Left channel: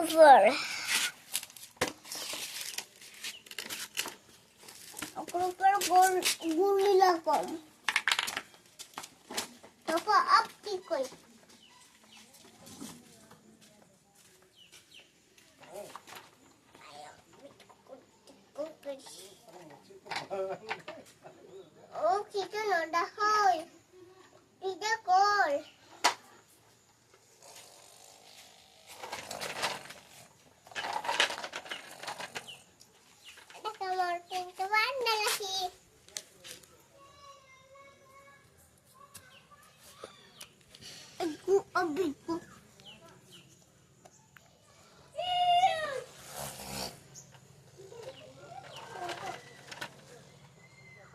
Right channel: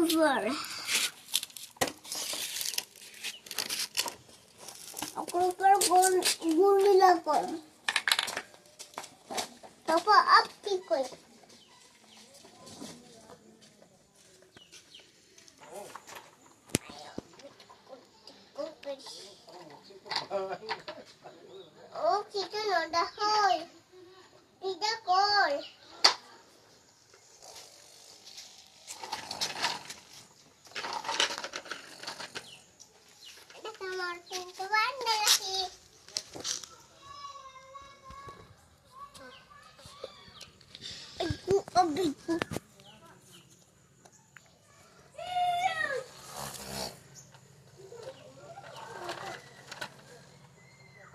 উপর উপর গুলি লাগাম তারপর আপ কি কই ও কিছু নড়া হয় এটা কর আমার কিন্তু বান্ডা লাগি অবি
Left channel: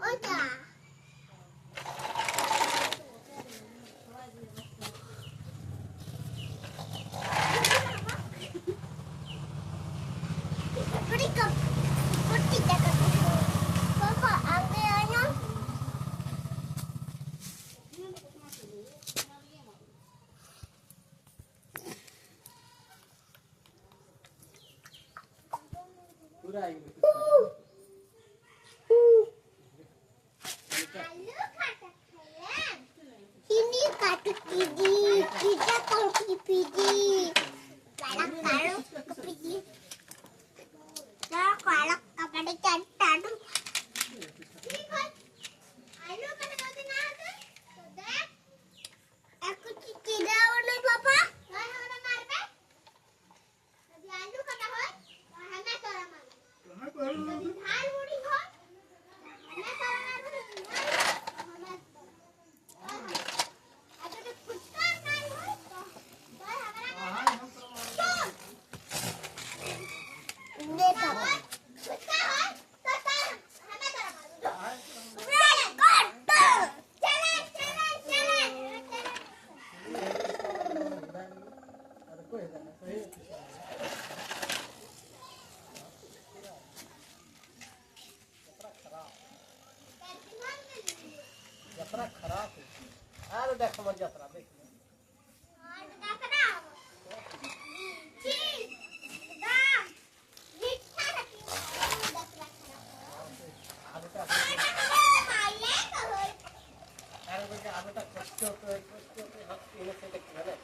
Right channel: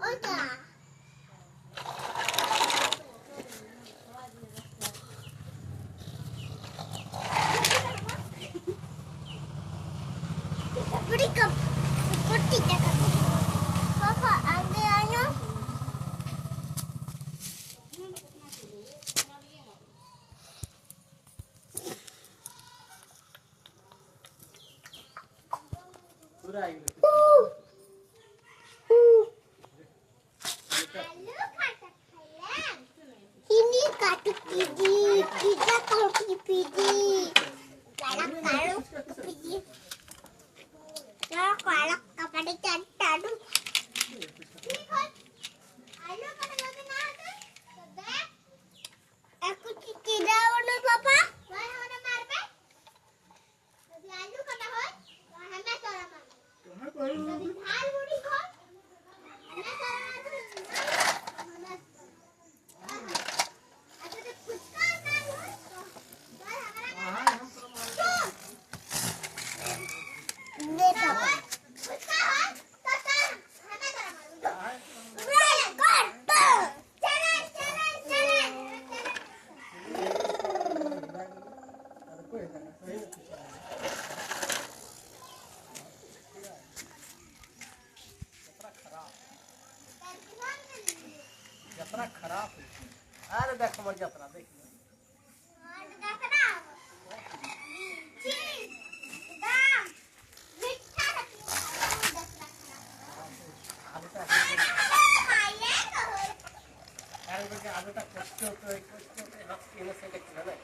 ওটা Berikan seperti kata Papa ambil ayo. Ini katuk pidi, kita kopi pidi. Lalu pidi. Kalau kepada cantan, ayo pada kata nada. Aku tidak mau papa. Mana marbe? Lalu kata hoi, hame tora mar. Hal budi hoi, hame tora mar. Aku tu puska kan hoi. देखा यात्रा खराब है अरे देखो मत यात्रा देख आगे तक कष्ट होते हक पीने से देखना ना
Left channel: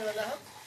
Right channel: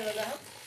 Yeah,